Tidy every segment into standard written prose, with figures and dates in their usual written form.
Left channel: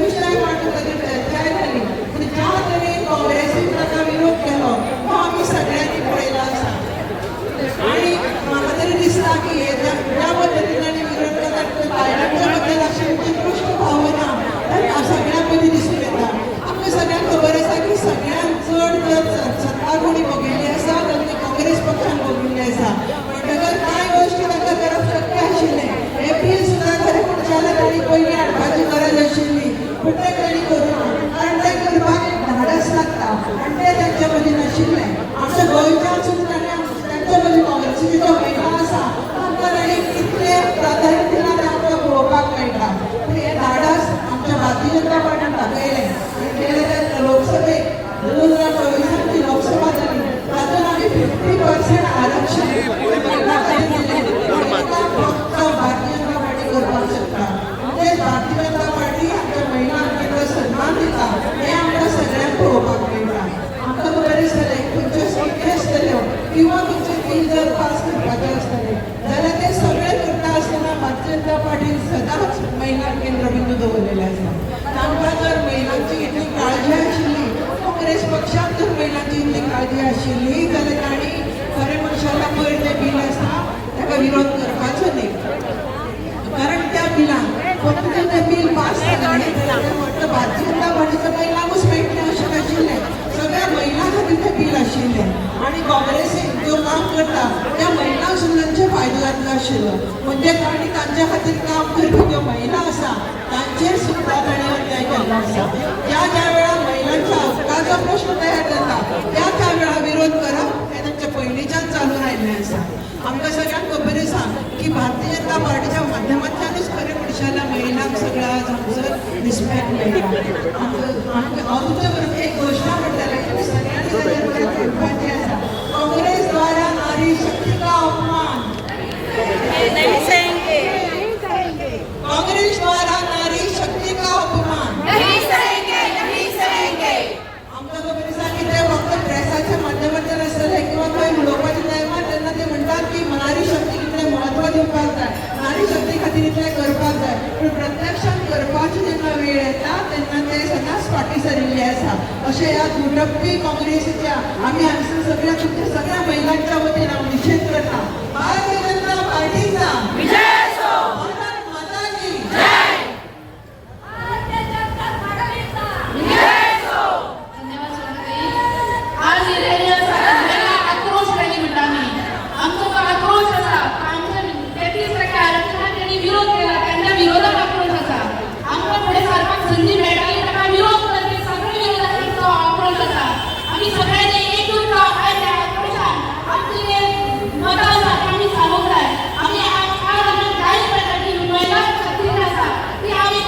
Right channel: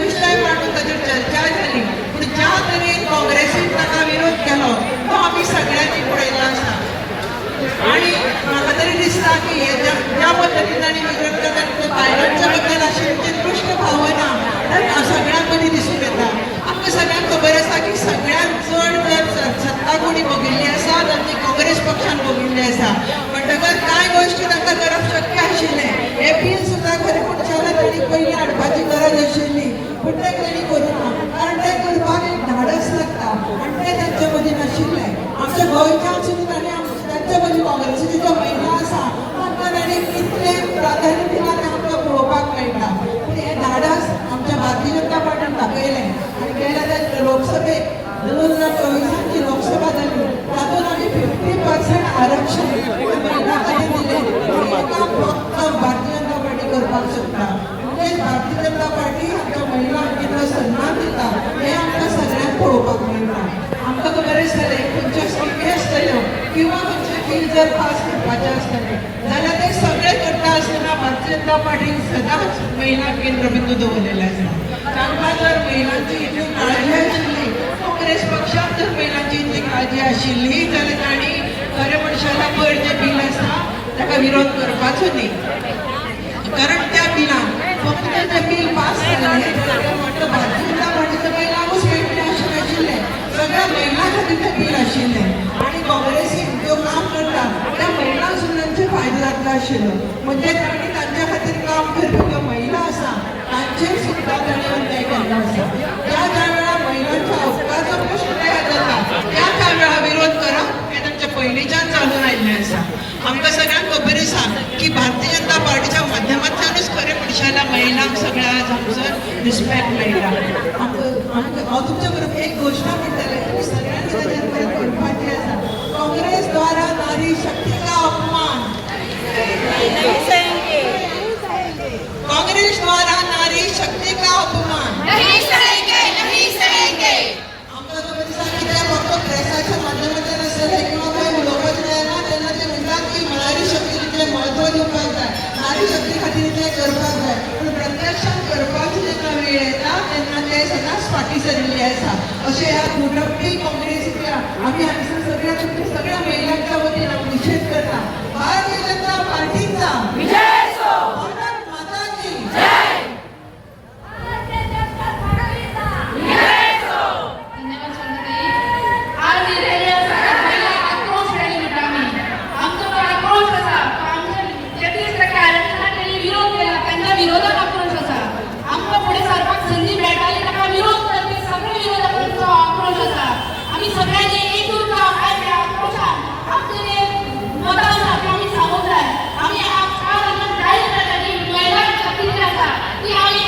विषय मांडून ताचेर चर्चा जाली, पूण ज्या तरेन काँग्रेसीन ताका विरोध केलो तो आमी सगळ्यांनी पळयला आसा. आणि म्हाका तरी दिसता की ज्या पद्दतीन तांणी विरोध केला ते बायलांच्या बद्दल अशी दृश्य भावना सगळ्यां मदीं दिसून येता. आमकां सगळ्यांक खबर आसा की सगळ्यांत चड जर सत्ता कोणी भोगिल्ली आसा तर ती काँग्रेस पक्षान भोगिल्ली आसा. म्हणटकर कांय गोश्टी तांकां करप शक्य आशिल्लें. हे बील सुद्दां खरें पुणच्याला तांणी पयलीं हाडपाची गरज आशिल्ली, पूण तें तांणी करूं ना, कारण तें करपाक एक धाडस लागता आनी तें तांचे मदीं नाशिल्लें. आमच्या गोंयच्यानसून तांणी तांचे मदीं काँग्रेसीच्यो ज्यो महिला आसा तांकां तांणी कितलें प्राधान्य दिलां तें आमकां पळोवपाक मेळटा. पूण हें धाडस आमच्या भारतीय जनता पार्टीन दाखयलें आनी गेल्या त्या लोकसभेक 2024 ची लोकसभा जाली तातूंत आमी 50% आरक्षण महिला खातीर दिलें. फक्त भारतीय जनता पार्टी करपाक शकता. तेच भारतीय जनता पार्टी आमच्या महिलांक कितलो सन्मान दिता हें आमकां सगळ्यांक पळोवपाक मेळटा. आमकां खबर आसतलें खंयच्यो स्किमी आसतल्यो किंवा खंयचे बील जर पास करपाचें आसतलें जाल्यार ते सगळें करता आसतना भारतीय जनता पार्टीन सदांच महिला केंद्रबिंदू दवरलेले आसा. तांकां जर महिलांची इतली काळजी आशिल्ली, काँग्रेस पक्षाक जर महिलांची इतली काळजी आशिल्ली जाल्यार तांणी खरें मनशाला पयर जें बील आसा ताका विरोध करपाचो न्ही. कारण त्या बिलान फक्त तें बील पास जालें जाल्यार म्हणटा भारतीय जनता पार्टीचो महिलांकूच मेळटलें अशें नाशिल्लें. सगळ्या महिलां खातीर तें बील आशिल्लें आनी काँग्रेसीन जो काम करता त्या महिलांक सुद्दां तांचे फायदो जातलो आशिल्लो. म्हणजे तांणी तांच्या खातीर काम करपी ज्यो महिला आसा तांचेर सुद्दां तांणी अन्याय केल्लो आसा. ज्या वेळार महिलांच्या हक्काचो प्रश्न तयार जाता त्या वेळा विरोध करप हें तांच्या पयलींच्यान चालून आयिल्लें आसा. आमकां सगळ्यांक खबर आसा की भारतीय जनता पार्टीच्या माध्यमांतल्यानूच खरें मनशाला महिलांक सगळ्या हांगसर रिस्पेक्ट मेळटा. हांव तुमच्या बरोबर एक घोशणा म्हणटलें तुमी सगळ्यांनी ताचेर परत करपाचें आसा. काँग्रेस द्वारा नारी शक्ति का अपमान, कांग्रेस द्वारा नारी शक्ति का अपमान नहीं सहेंगे, नहीं सहेंगे. आमकां खबर आसा की ते फक्त प्रेसाच्या माध्यमांतल्यान आसतलें किंवा काय उलोवपाचें जेन्ना तेन्ना ते म्हणटात की नारी शक्तीक इतलें म्हत्व दिवपाक जाय, नारी शक्ती खातीर इतलें करपाक जाय. पूण प्रत्यक्षात करपाचो जेन्ना वेळ येता तेन्ना ते सदांच फाटीं सरिल्ले आसा. अशें ह्या कुटपी काँग्रेसीच्या आमी हांगसर सगळ्या महिलांच्या वतीन हांव निशेध करता. भारतीय जनता पार्टीचा विजय असो. भारत माता की जय. भारतीय जनता पार्टीचा विजय असो. धन्यवाद सोनाताई. आज ही रॅली आसा महिला आक्रोश रॅली म्हणटा आमी. आमचो तो आक्रोश आसा आमच्या 33% आरक्षणाक तेणी विरोध केला, तांच्या विरोधात आक्रोश आसा. आमकां फुडें सरपाक संदी मेळटाली ताका विरोध करपी सगळे विरोधाचो आक्रोश आसा. आमी सगळ्यांनी एकूच जावन आयज ह्या आक्रोशान आमचे मतां आसा ती आमी सांगूंक जाय. आमी आज आमकां जाहीर करता की महिला शक्ती आसा ती आमी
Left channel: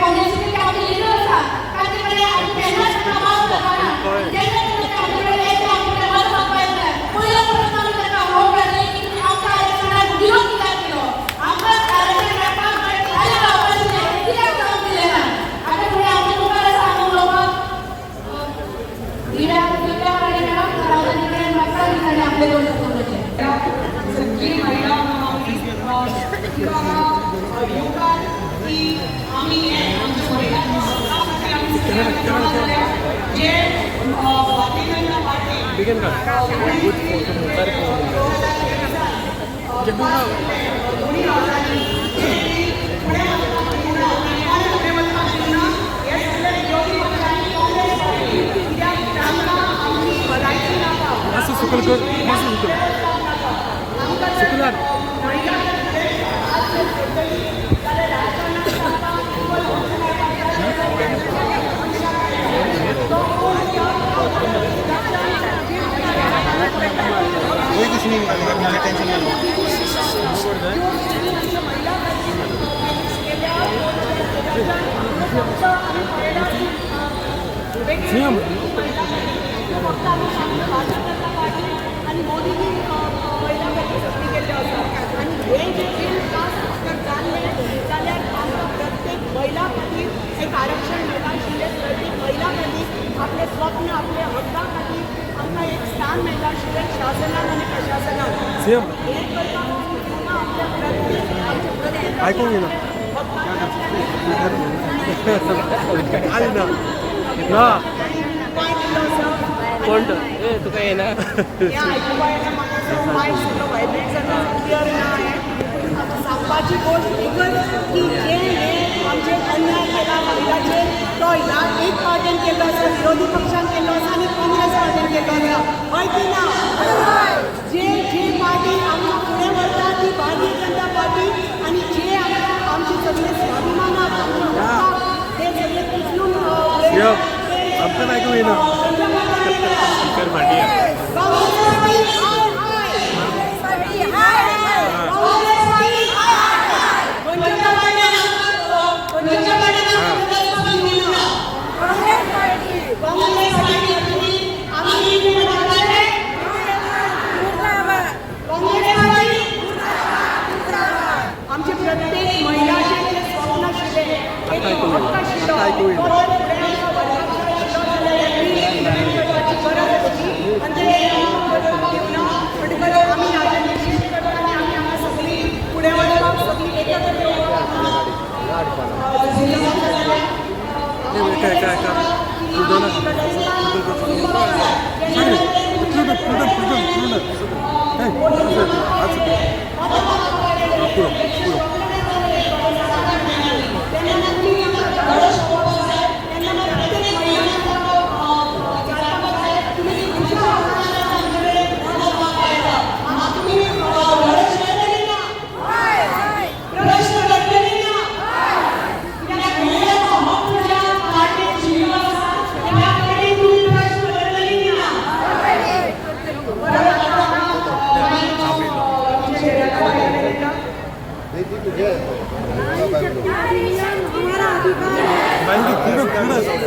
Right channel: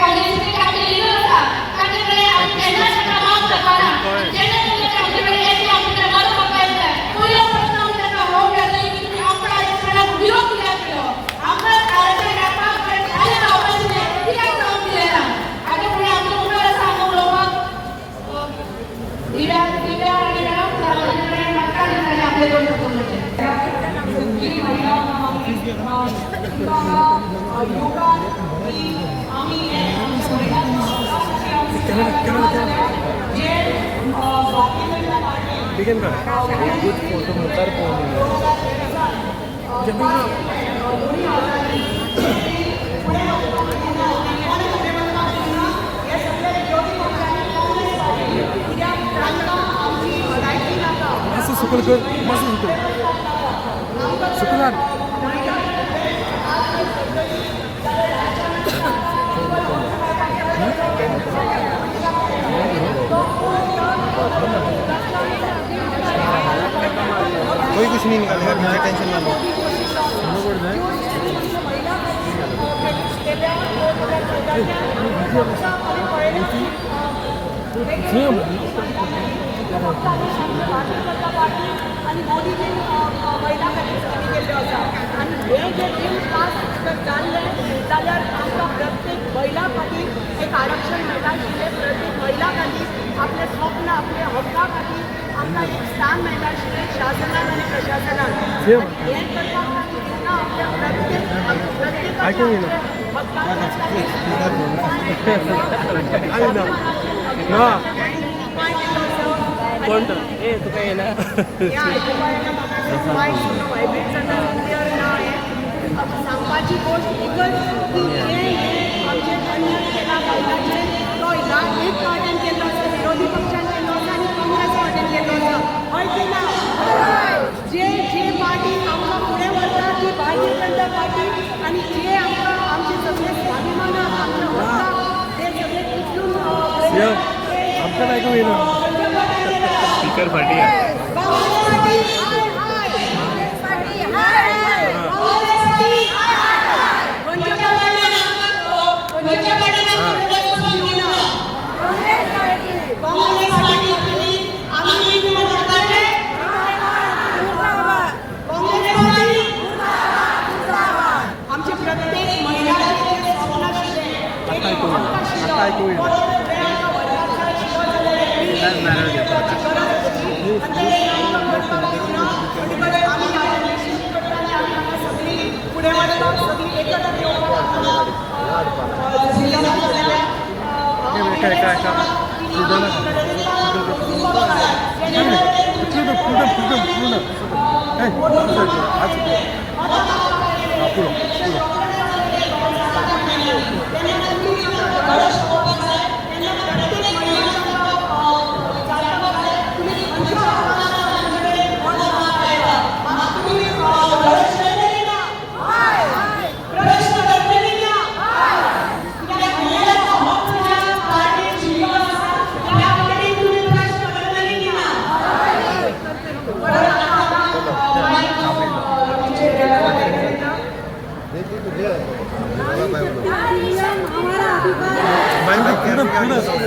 काँग्रेसीचे आमचे लिडर आसा तांचे कडेन आमी केन्नाच प्रभाव करपाना. जेन्ना आमचे कडेन येता आमचे मत मागपाक येता पयलो प्रश्न आमी ताका हो करतली की आमच्या आरक्षणाक विरोध कित्याक केलो, आमकां आरक्षण मेळपाक जाय जाय जावपाक आशिल्लें कित्याक जावंक दिलें ना. आतां फुडें आमचे मुखार आसा हांव उलोवपाक दिव्या आनी सार्वजनीक कडेन म्हाका दिसता आपले दोन सपोर्टाचे जी महिला योगा की आम्ही आमच्या महिलांना हक्कासाठी आम्ही जे भारतीय जनता पार्टी दोन्ही पुणे मतदारसंघात हे सगळे विरोधी पक्षांनी काँग्रेस पार्टी कित्याक तांकां आमची भलायकी नाका. कोई कुछ नहीं निकालेगा, टेंशन ना लो. महिला गेल्या 2014च्या फक्त आम्ही पळयला की भारतीय जनता पार्टी आणि मोदीजी महिला खातीर सक्ती केल्ल्यो आसा. आनी हे जे बील पास जर जाल्लें जाल्यार आमकां प्रत्येक महिला खातीर एक आरक्षण मेळटा आशिल्लें. प्रत्येक महिला खातीर आपले स्वप्न आपले हक्का खातीर आमकां एक स्थान मेळटा आशिल्लें शासनान आनी प्रशासनान. हें करपाक आमी जेन्ना आपल्या प्रत्येक फक्त आली ना ना काय केलं असं कोण ए तुका ये ना ह्या आयकुपायला म्हाका मायक सुद्दां वायब्रेट जाता क्लियर ना हें सांगपाची गोश्ट एकच की जे हे आमचे अन्याय केला महिलाचेर तो ह्या एक पार्टीन केल्लो आसा विरोधी पक्षान केल्लो आसा आनी काँग्रेस पार्टीन केल्लो आसा हय की ना जे पार्टी आमकां फुडें व्हरता ती भारतीय जनता पार्टी आनी जे आमकां आमचे सगळे स्वाभिमान आमकां व्हरता ते सगळे उचलून आमकां ऐकू येना स्पीकर फाटी काँग्रेस पार्टी हाय हाय काँग्रेस पार्टी कोणत्या पार्टीना काँग्रेस पार्टी आम्ही म्हणतात काँग्रेस पार्टी आमचे प्रत्येक महिलाचे जे स्वप्न आशिल्ले एक हक्क आशिल्लो तो जर फुडें आमकां व्हरपाक जाय आशिल्लो जाल्यार करपाची गरज आसली आनी ते आमकां करपाक दिवना म्हणटकच आमी हाजेर निश्चित करता आनी आमी हांगा सगळीं फुडें वचपाक सगळीं एकत्र येवपाक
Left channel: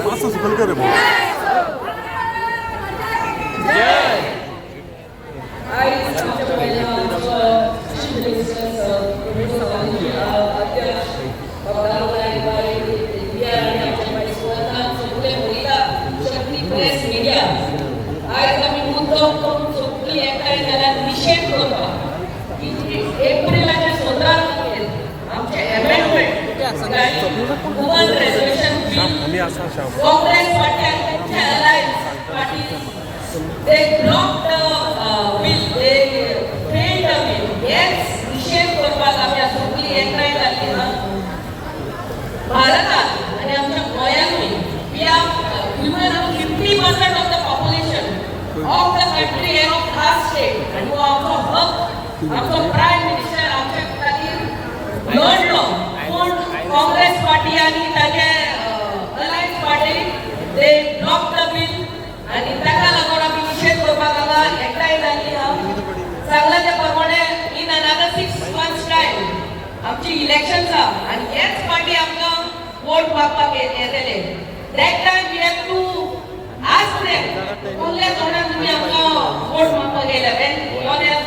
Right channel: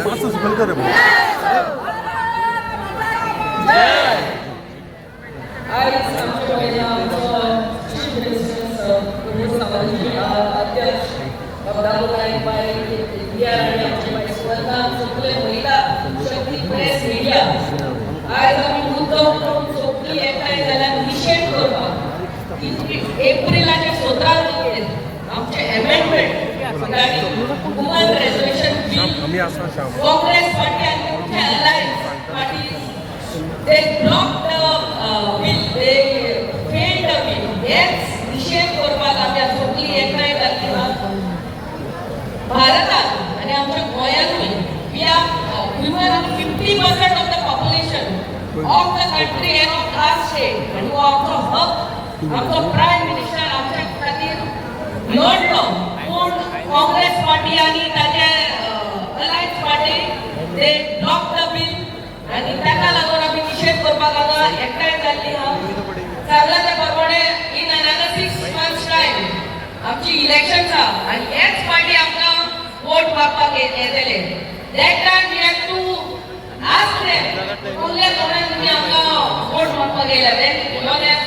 पाच सफल करे एप्रिलाच्या 17 आमचे अमेंडमेंट वुमन रेझोल्यूशन आम्ही असा Shyam Congress party and alliance party they blocked the bill they failed the bill हेच निषेध करपाक आमी सगळीं एकठांय जाल्ली भारतात आनी आमच्या गोंयांतूय we are women are 50% of the population of the country and of our state and हो आमचो हक आमचो प्रायम मिनिस्टर आमच्या खातीर लढलो पूण काँग्रेस पार्टी आनी ताचे alliance party they blocked the bill आनी ताका लागून आमी निषेध करपाक हांगा एकठांय जाल्ली सांगला ते प्रमाणे in another 6 months time आमची इलेक्शन्स आहा आनी हेच पार्टी आमकां वोट मागपाक येतले that time we have to ask them उरल्या तोंडान तुमी आमकां वोट मागपाक येयला then you have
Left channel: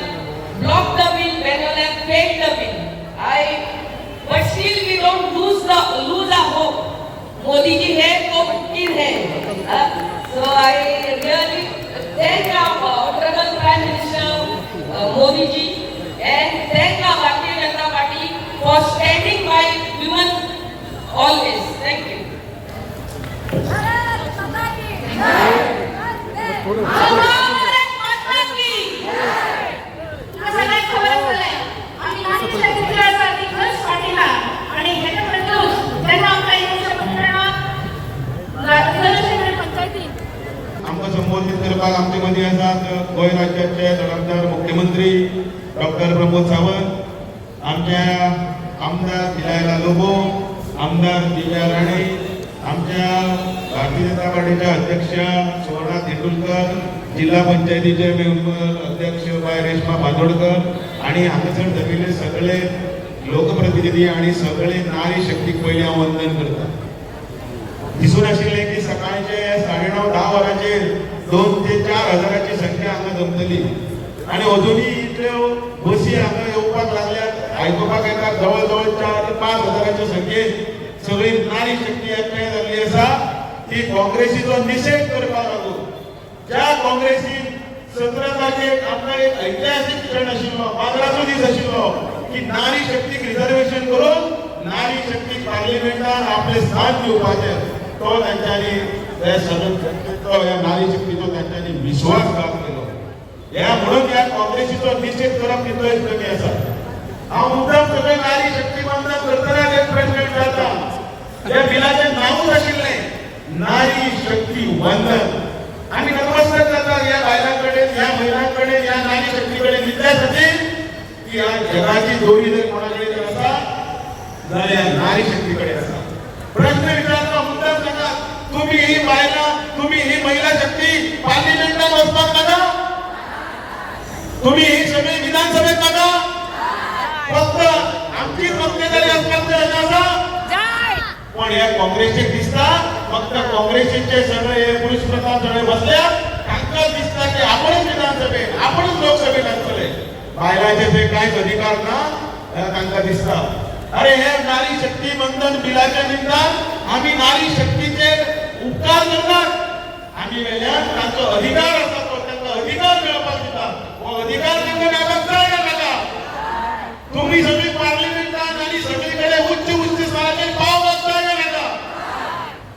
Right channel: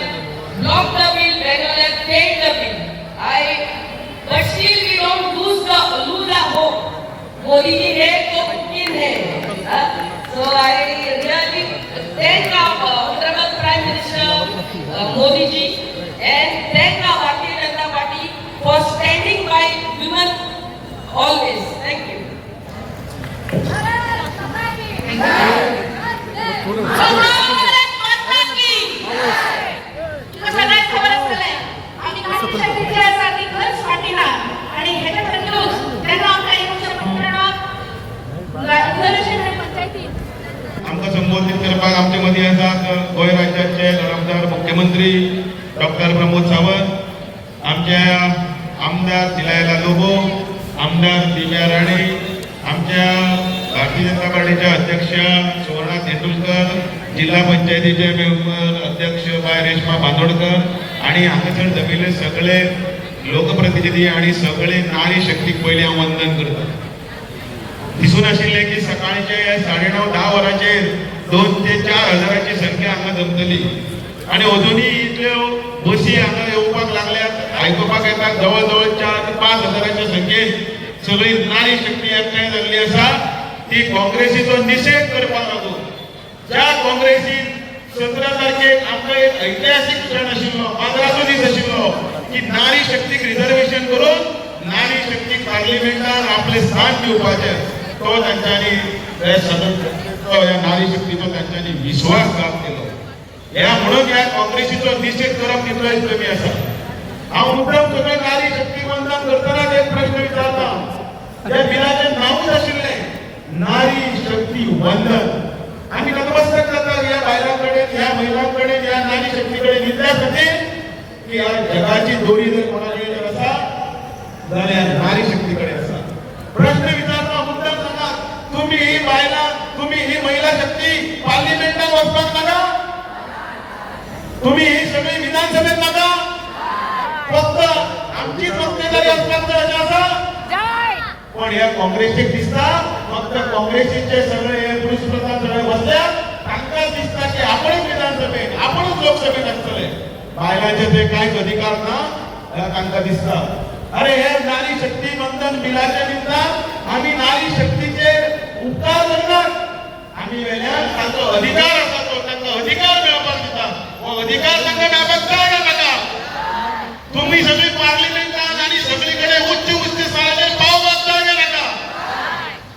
blocked the bill then you have failed the bill but still we don't lose the hope Modi ji hai to Putin hai so I really thank our honorable Prime Minister Modi ji and thank our Bharatiya Janata Party for standing by women always. Thank you. सगळ्यात खबर असलेलं आम्ही नाशिक जिल्ह्यासाठी खरंच पाठीला आणि ह्याच्यापर्यंत त्यांना आमच्या पंचायती आमकां संबोधित करपाक आमचे मदीं आसात गोंय राज्याचे नामदार मुख्यमंत्री डॉक्टर प्रमोद सावंत आमचे आमदार दिलायला लोबो आमदार दिव्या राणे आमच्या भारतीय जनता पार्टीच्या अध्यक्ष सुवर्णा तेंडुलकर जिल्हा पंचायतीचे मेंबर अध्यक्ष बाय रेश्मा बांदोडकर आणि हांगासर जमिल्ले सगळे लोकप्रतिनिधी आणि सगळे नारी शक्तीक पयलीं हांव वंदन करता दिसून आशिल्लें की सकाळचे 9:30-10 वरांचेर 2 ते 4 हजाराची संख्या हांगा जमतली आणि अजुनूय इतल्यो बसी हांगा येवपाक लागल्यात आयकुपाक येता जवळ जवळ 4 ते 5 हजाराच्या संख्येन सगळी नारी शक्ती एकठांय जाल्ली आसा ती काँग्रेसीचो निषेध करपाक लागून ज्या काँग्रेसीन 17 तारखेक आमकां एक ऐतिहासीक क्षण आशिल्लो माजराचो दीस आशिल्लो की नारी शक्तीक रिजर्वेशन करून नारी शक्ती पार्लिमेंटान आपले स्थान घेवपाचे तो तांच्यांनी या नारी शक्तीचो तांच्यांनी विश्वासघात केलो. ह्या म्हणून ह्या काँग्रेसीचो निषेध करप कितलोय कमी आसा. हांव मुद्दम सगळे नारी शक्ती बंधन करतना एक प्रश्न विचारता. ह्या बिलाचें नांवूच आशिल्लें नारी शक्ती वंदन. आमी नतमस्तक जाता ह्या बायलां कडेन, ह्या महिलां कडेन, ह्या नारी शक्ती कडेन इतल्या खातीर की ह्या जगाची दोरी जर कोणा कडेन जर आसा जाल्यार नारी शक्ती कडेन आसा. प्रश्न विचारता मुद्दम सांगा, तुम्ही ही बायलां, तुम्ही ही महिला शक्ती पार्लिमेंटात वचपाक नाका? तुम्ही ही सगळी विधानसभेत नाका? फक्त आमचीच मक्तेदारी असल्याचं आसा. पण या काँग्रेसीक दिसता फक्त काँग्रेसीचे सगळे पुरुष प्रधान सगळे बसल्या तांकां दिसता की आपणच विधानसभेत, आपणच लोकसभेत आसतले. बायलांचे जे कांयच अधिकार ना तांकां दिसता. अरे हे नारी शक्ती बंधन बिलाच्या निमतान आम्ही नारी शक्तीचे उपकार करतात. आम्ही वेल्यान तांचो अधिकार आसा तो तांकां अधिकार मेळपाक दिता. हो अधिकार तांकां मेळपाक जाय नाका. तुम्ही सगळी पार्लिमेंटान आणि सगळीकडे उच्च उच्च स्थानाचेर पाव घालताय नाका.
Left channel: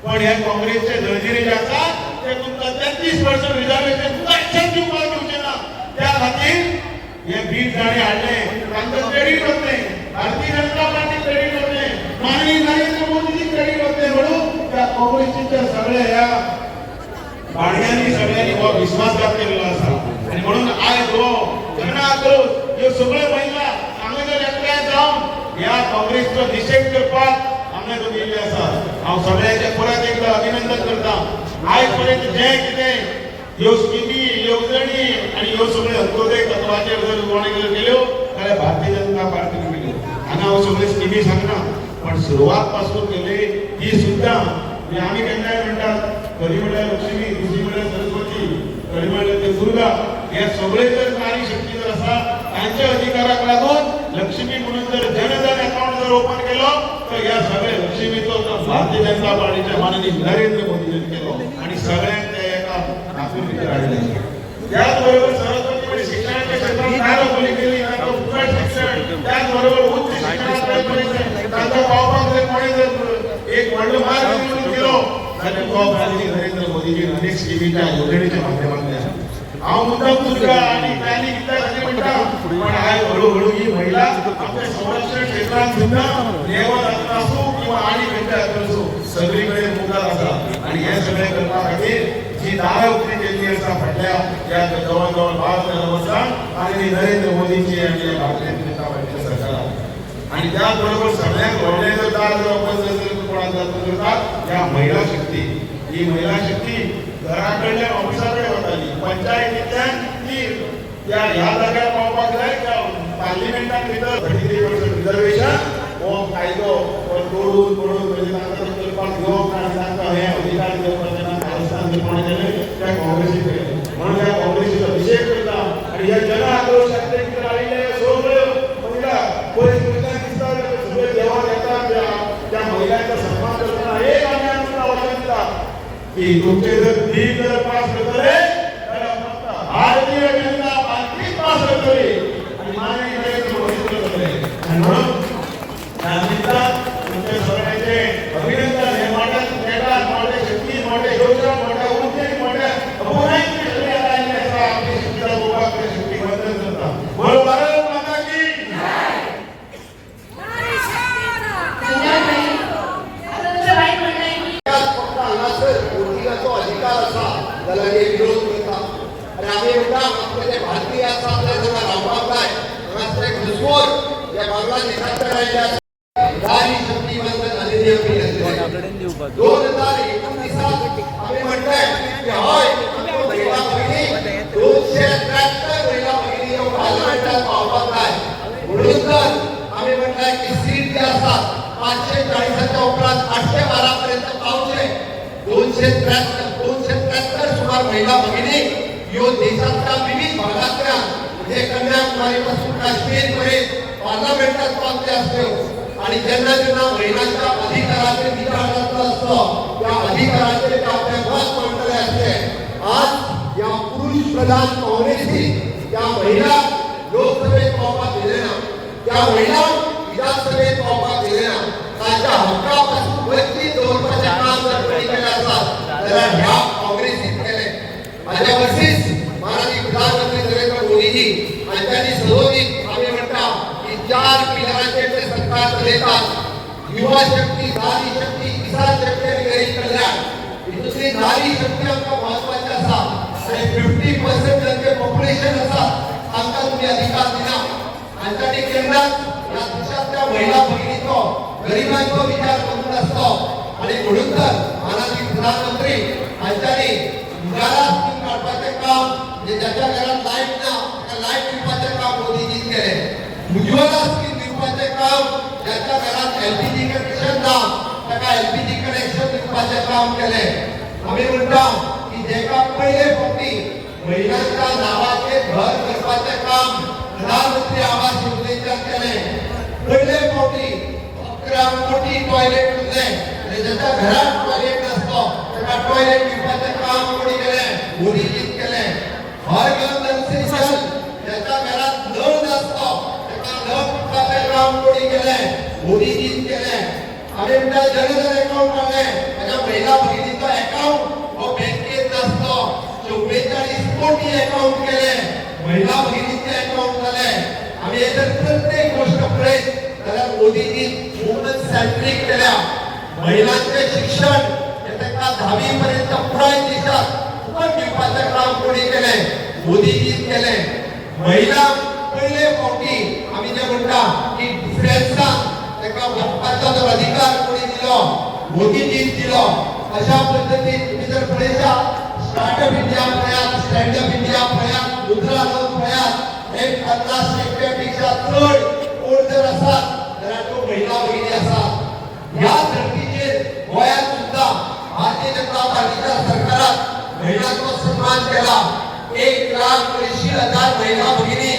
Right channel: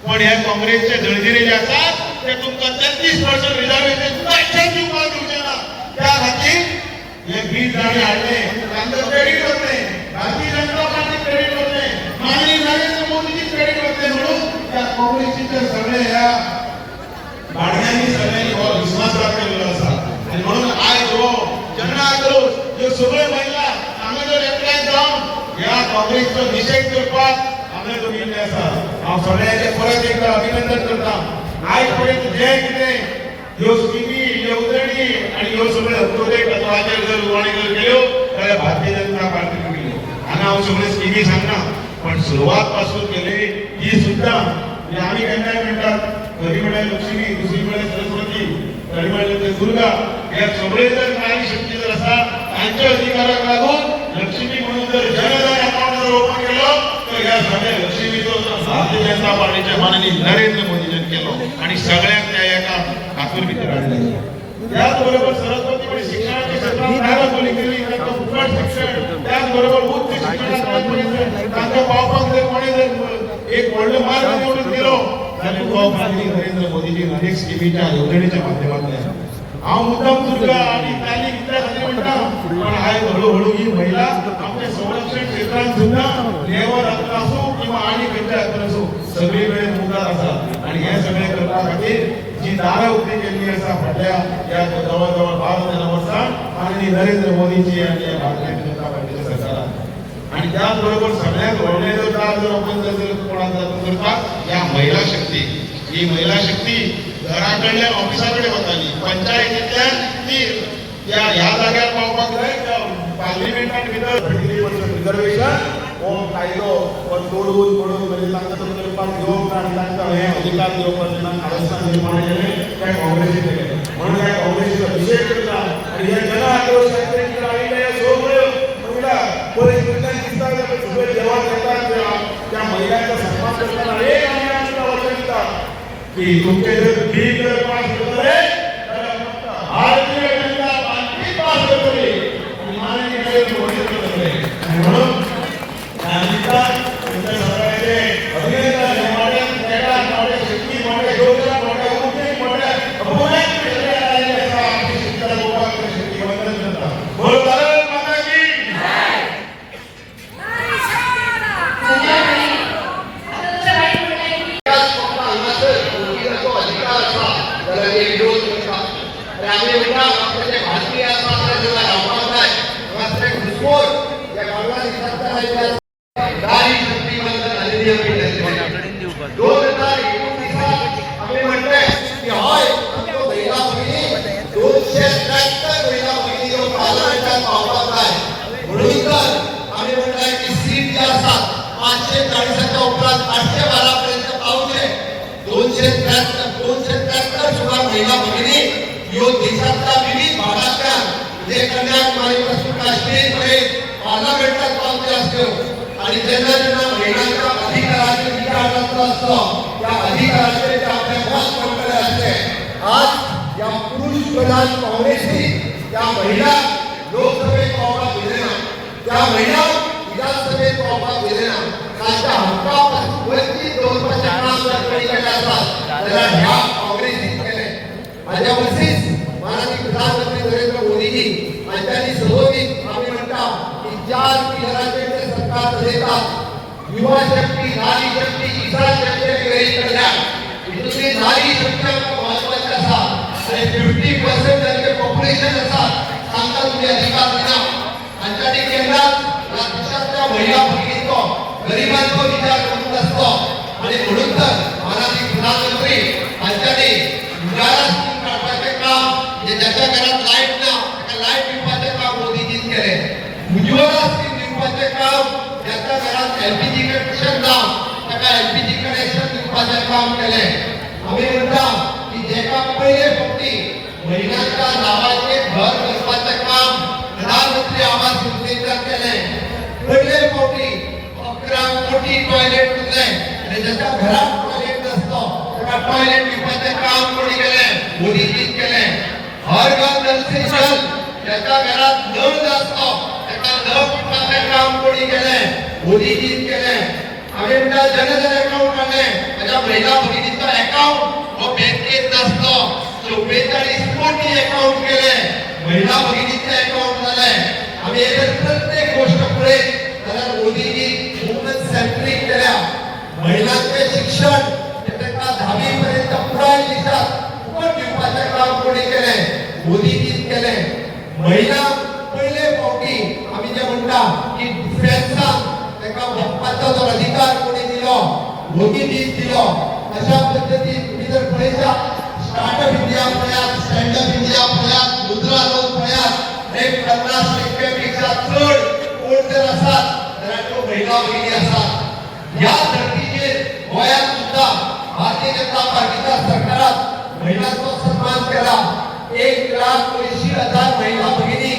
पण ह्या काँग्रेसचे जळजिरे जे आसात ते तुमकां 33% रिझर्वेशन सुद्धा एक्सेप्ट दिवपाक दिवचे ना. त्या खातीर हे बीड जाणे हाडले तांचो क्रेडीट वतले, भारतीय जनता पार्टी क्रेडीट वतले, माननीय नरेंद्र मोदीजी क्रेडीट वतले. म्हणून त्या काँग्रेसीचे सगळे ह्या भाडण्यांनी सगळ्यांनी हो विश्वासघात केलेलो आसा. आणि म्हणून आयज हो जन आक्रोश ह्यो सगळ्यो महिला आमी जर एकठांय जावन ह्या काँग्रेसचो निषेध करपाक आमी गेल्ले आसा. हांव सगळ्यांचे परत एकदा अभिनंदन करता. आयज पर्यंत जे कितें ह्यो स्किमी, येवजणी आणि ह्यो सगळ्यो अंत्योदय पत्राचेर जर उणाणी जर केल्यो जाल्यार भारतीय जनता पार्टीन केल्यो. हांगा हांव सगळ्यो स्किमी सांगना, पण सुरवात पासून केली ही सुद्धा आमी केन्नाय म्हणटात खरी म्हळ्यार लक्ष्मी, दुसरी म्हळ्यार सरस्वती, खरी म्हळ्यार दुर्गा. ह्या सगळे जर नारी शक्ती जर आसा तांच्या अधिकाराक लागून लक्ष्मी म्हणून जर जनधन अकाउंट जर ओपन केलो तर ह्या सगळ्या लक्ष्मीचो भारतीय जनता पार्टीच्या माननीय नरेंद्र मोदीजीन केलो आणि सगळ्यांक त्या एका हातून भितर हाडले. त्याच बरोबर सरस्वती कडे शिक्षणाच्या क्षेत्रात दारोबरी केली, तांकां फुकट शिक्षण, त्याच बरोबर उच्च शिक्षणात तांकां पावपाक जर कोणी जर एक व्हडलो मार्ग निवडून दिलो जाल्यार तो माननीय नरेंद्र मोदीजीन अनेक स्किमीच्या योजनेच्या माध्यमांतल्यान. हांव मुद्दाम तुमकां आणि त्यांनी इतल्या खातीर म्हणटा, पण आयज हळूहळू ही महिला आमच्या संरक्षण क्षेत्रांत सुद्धा लेवल आसूं किंवा आनी खंयच्या हातून आसूं सगळी कडेन मुखार आसा. आणि हे सगळें करपा खातीर जी दारां उक्ती केल्ली आसा फाटल्या या जवळ जवळ 12 वर्सां माननीय नरेंद्र मोदीजी आनी भारतीय जनता पार्टीच्या सरकारान. आणि त्याच बरोबर सगळ्यांत व्हडलें जर दार जर आपण जर कोणाक करतात ह्या महिला शक्ती. ही महिला शक्ती घराकडल्या ऑफिसाकडे वताली, पंचायतींतल्यान ती ह्या जाग्यार पावपाक जाय त्या पार्लिमेंटान भितर रिजर्वेशन हो कायदो हो तोडून म्हणजे तांकां तो करपाक घेवप ना आनी तांकां हे अधिकार दिवप ना कारस्थान निर्माण केलें त्या काँग्रेसीन. म्हणून ह्या काँग्रेसीचो निषेध करता. आणि ह्या जन आक्रोशाच्या भितर आयिल्ल्या ह्या सगळ्यो महिला परिस्थितींतल्यान दिसता सगळे जेवण करतात त्या महिलांचा सन्मान करताना एक आमी आमकां वचन दितात की तुमचे जर ठीक पास करतले जाल्यार फक्त भारतीय जनता पार्टी पास करतली आणि माननीय नरेंद्र मोदी करतले. आणि म्हणून ह्या निमतान तुमच्या सगळ्यांचे अभिनंदन. हे मोठ्या मोठ्या शक्ती, मोठ्या योजना, मोठ्या उद्योग, मोठ्या अभूतपूर्व केलेल्या आलेल्या आसा. आमची शक्तीला लोकांकडे शक्ती वंदन करता. बोलो भारत माता की महिला भगिनी यो देशातल्या विविध भागातल्या म्हणजे कन्याकुमारीपासून काश्मीरपर्यंत पार्लमेंटात काम केलं असतं. आणि ज्यांना ज्यांना महिलांच्या अधिकाराचे विचार असतं त्या अधिकाराचे ते आपले मत मांडले असते. आज या पुरुष प्रधान काँग्रेसने त्या महिला लोकसभेत वावरा दिले ना, त्या महिला विधानसभेत वावरा दिले ना. ह्या काँग्रेसीन केले. माझ्या मिसेस माननीय प्रधानमंत्री नरेंद्र मोदीजी आणि त्यांनी सदोदित आम्ही म्हणता की 4 पिलरांचे ते सरकार देतात. युवा शक्ती, नारी शक्ती, किसान शक्ती वगैरे कल्याण. दुसरी नारी शक्ती आमका महत्वाची असा आणि 50% जर पॉप्युलेशन असा सांगता तुम्ही अधिकार दिला. आमच्याकडे केंद्रात या देशातल्या महिला भगिनींचो गरिबांचो विचार करून असतो आणि म्हणून तर माननीय प्रधानमंत्री आमच्याकडे उजाला स्कीम काढण्याचे काम जे ज्याच्या घरात लाईट ना त्या लाईट दिवपाचे काम मोदीजीच केले. उज्ज्वला स्कीम दिवपाचे काम ज्याच्या घरात एलपीजी कनेक्शन ना त्या एलपीजी कनेक्शन दिवपाचे काम केले. आम्ही म्हणता की जेका पहिले फक्ती महिलांच्या नावाचे घर करपाचे काम प्रधानमंत्री आवास योजनेच्या केले. पहिले कोटी 11 कोटी टॉयलेट दिले आणि ज्याच्या घरात टॉयलेट नसतो त्या टॉयलेट दिवपाचे काम कोणी केले? मोदीजीच केले. हर घर नल से जल ज्याच्या घरात नळ नसतो त्याला नळ फुटण्याचे काम कोणी केले? मोदीजीच केले. आम्ही म्हणता जनधन अकाउंट काढले. माझ्या महिला भगिनीचा अकाउंट व बँकेत नसतो 44 कोटी अकाउंट केले. महिला भगिनीचे अकाउंट झाले. आम्ही याच्यात प्रत्येक गोष्ट पुढे त्याला मोदीजी वुमन सेंट्रिक केल्या. महिलांचे शिक्षण त्यांना 10वी पर्यंत पुढे देशात फुकट विभागाचे काम कोणी केले? मोदीजीच केले. महिला पहिले पोटी आम्ही जे म्हणता की दुसऱ्यांचा त्याला हक्काचा जो अधिकार कोणी दिलो? मोदीजीच दिलो. अशा पद्धतीने तुम्ही जर पुढेच्या स्टार्टअप इंडिया पळयात, स्टँडअप इंडिया पळयात, मुद्रा लोन पळयात 50% चढ कोण जर असतात तर तो महिला भगिनी असतात. या धर्तीचेर गोंयांत सुद्धा भारतीय जनता पार्टीच्या सरकारात महिलांचा सन्मान केला. 1,80,000 महिला भगिनी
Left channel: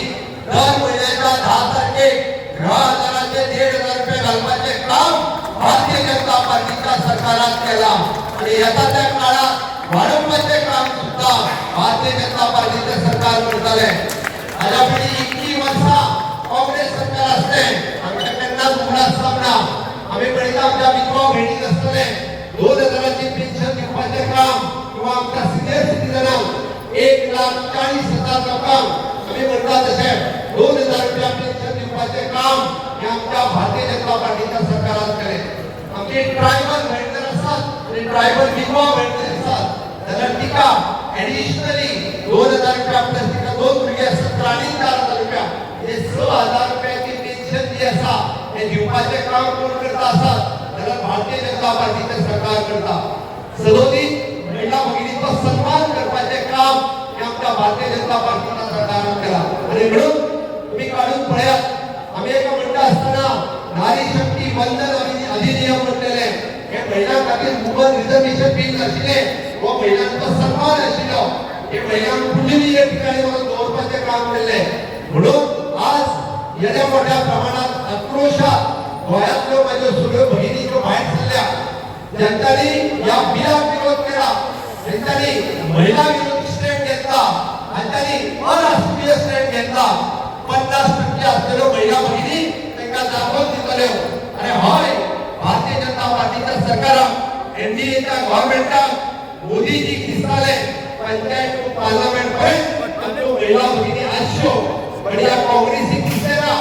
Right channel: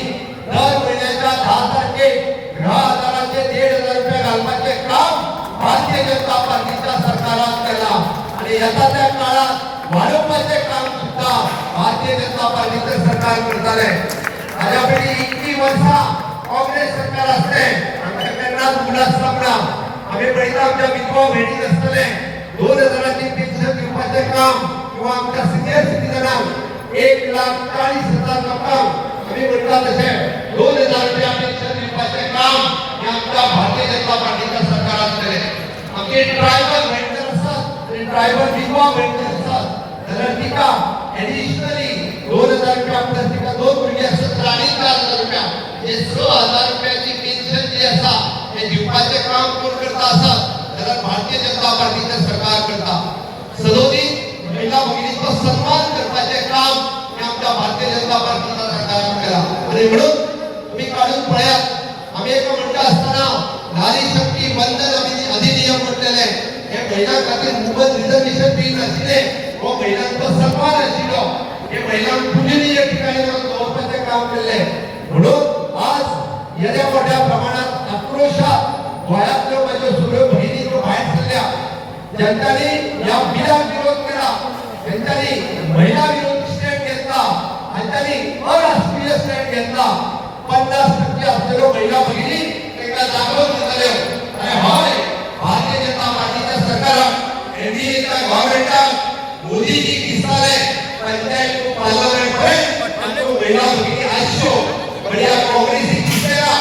दर महिन्याच्या 10 तारखेक गृह आधाराचे 1,500 रुपये घालण्याचे काम भारतीय जनता पार्टीच्या सरकारात केला आणि येत्या काळात वाढवण्याचे काम सुद्धा भारतीय जनता पार्टीचे सरकार करताले. माझ्यापैकी इतकी वर्षा काँग्रेस सरकार असते आमच्याकडे मुला सामना आम्ही पडता आमच्या विधवा बहिणी असतले 2,000 ची पेन्शन दिवपाचे काम किंवा आमच्या सिनियर सिटीजनांक 1,40,000 रक्कम आम्ही म्हणता तसे 2,000 रुपया पेन्शन दिवपाचे काम हे आमच्या भारतीय जनता पार्टीच्या सरकारात केले. आमचे ट्रायबल मेंबर असतात आणि ट्रायबल विधवा मेंबर असतात त्याला तिका ऍडिशनली 2,000 रुपया प्लस तिका 2 मुलगी असतात तर 4,000 रुपया हे 6,000 रुपयाची पेन्शन जी असा हे दिवपाचे काम कोण करता असतात तर भारतीय जनता पार्टीचे सरकार करता. सदोदित महिला भगिनीचा सन्मान करण्याचे काम आमच्या भारतीय जनता पार्टीच्या सरकारने केला आणि म्हणून तुम्ही काढून पळयात आम्ही एक म्हणता असताना नारी शक्ती वंदन अधिनियम म्हटलेले हे महिलांखातीर मुबल रिझर्वेशन बी असले व महिलांचा सन्मान आशिल्लो हे महिलांक पूजनीय ठिकाणी दवरपाचे काम केले. म्हणून आज येद्या मोठ्या प्रमाणात आक्रोशात गोंयांतल्यो माझ्यो सगळ्यो भगिनी ज्यो भायर सरल्या त्यांनी या बिलाक विरोध केला. त्यांनी महिला विरोधी स्टँड घेतला आणि त्यांनी अराष्ट्रीय स्टँड घेतला. 50% असलेलो महिला भगिनी एका जागृत झाल्यो आणि हय भारतीय जनता पार्टीच्या सरकाराक एनडीएच्या गव्हर्नमेंटाक मोदीजी दिसताले पंचायत पार्लमेंट पर्यंत महिला भगिनी आसच्यो पण या काँग्रेसी दिसलेला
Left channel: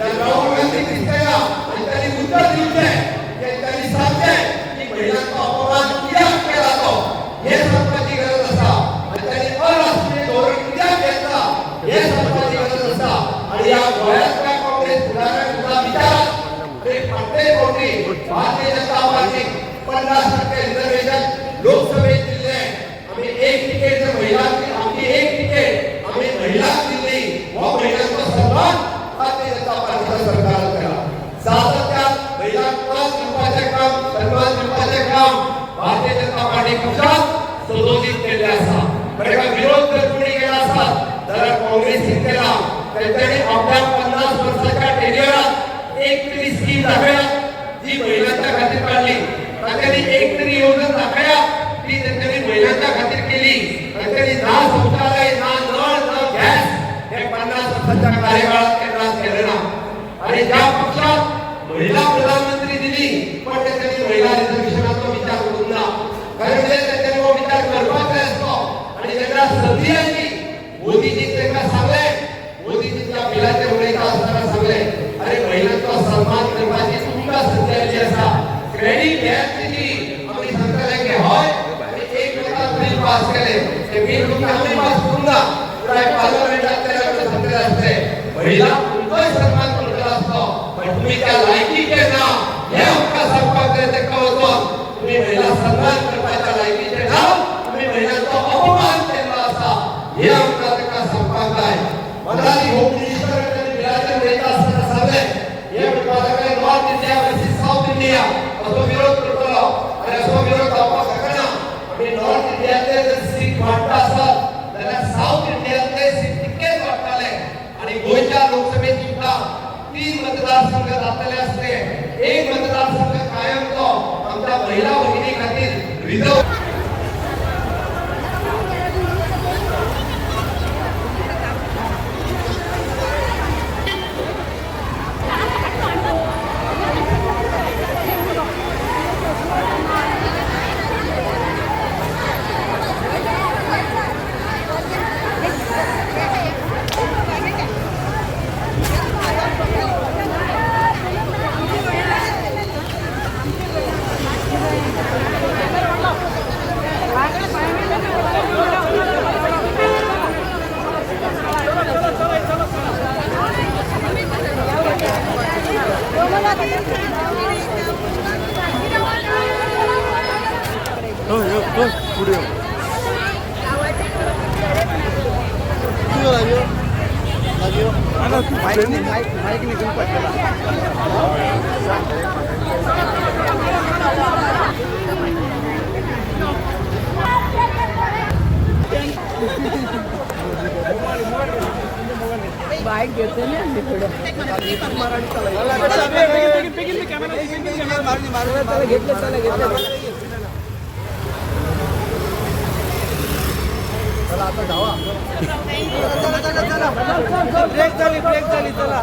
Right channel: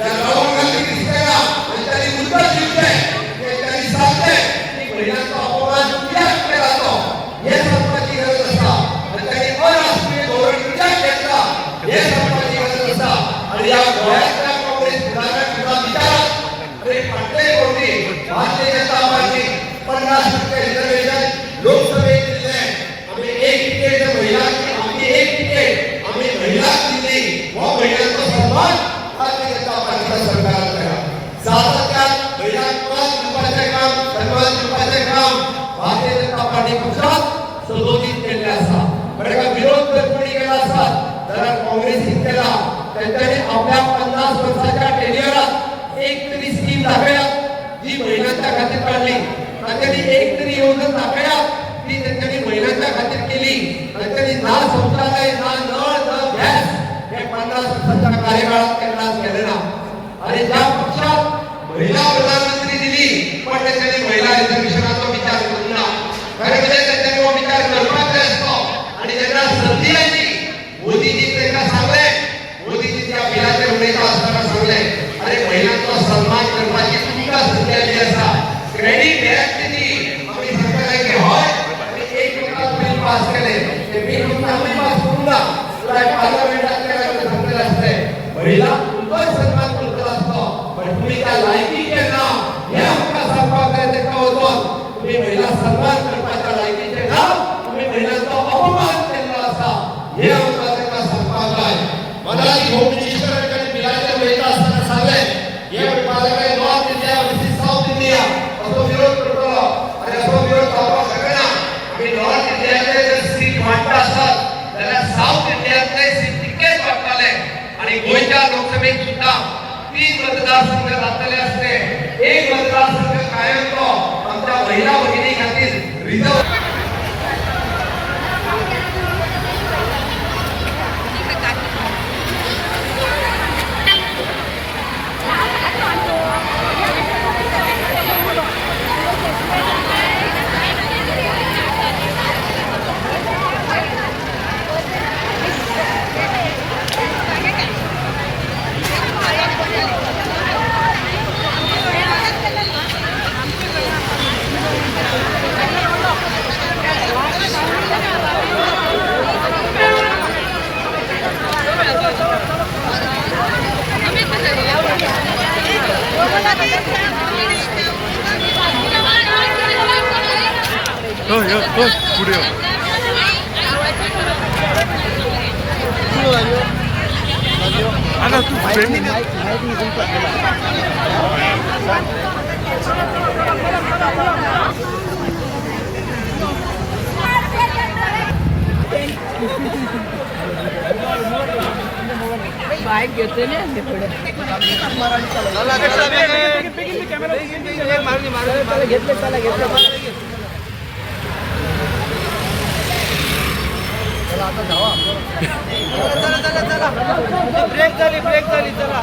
राहुल गांधी दिसलेला त्यांनी मुद्दा दिसले त्यांनी सांगते की महिलांचा अपमान कित्याक केला जातो हे सांगपाची गरज आसा आणि त्यांनी अराष्ट्रीय धोरण कित्याक घेतला हे सांगपाची गरज आसा आणि या गोंयांतल्या काँग्रेस फुडाऱ्यांक सुद्धा विचारात तरी फाटले कोटी भारतीय जनता पार्टी 50% रिझर्वेशन लोकसभेत दिले. आम्ही एक तिकीट महिलांची आमची एक तिकीट आम्ही महिलांक दिली व महिलांचा सन्मान भारतीय जनता पार्टीच्या सरकारात केला. सातत्यात महिलांक मान दिवपाचे काम सन्मान दिवपाचे काम भारतीय जनता पार्टी पक्षात सदोदित केले आसा. बरेका विरोध जर कोणी केला आसा जाल्यार काँग्रेसीन केला. त्यांच्यानी आपल्या 50 वर्षाच्या टेन्युअरात एक तरी स्कीम दाखया जी महिलांच्या खातीर काढली. त्यांनी एक तरी योजना दाखया ती त्यांनी महिलांच्या खातीर केली. त्यांनी ना शौचालय ना नळ ना गॅस हे 50 वर्षाच्या कार्यकाळात केंद्रात केले ना. आणि ज्या पक्षात महिला प्रधानमंत्री दिली पण त्यांनी महिला रिझर्वेशनाचा विचार केला. कारण त्यांनी विचार पुढे आला तू ट्रेनिंग बाईक घेते ना घेतले चला आता धावा ब्रेक झाली चला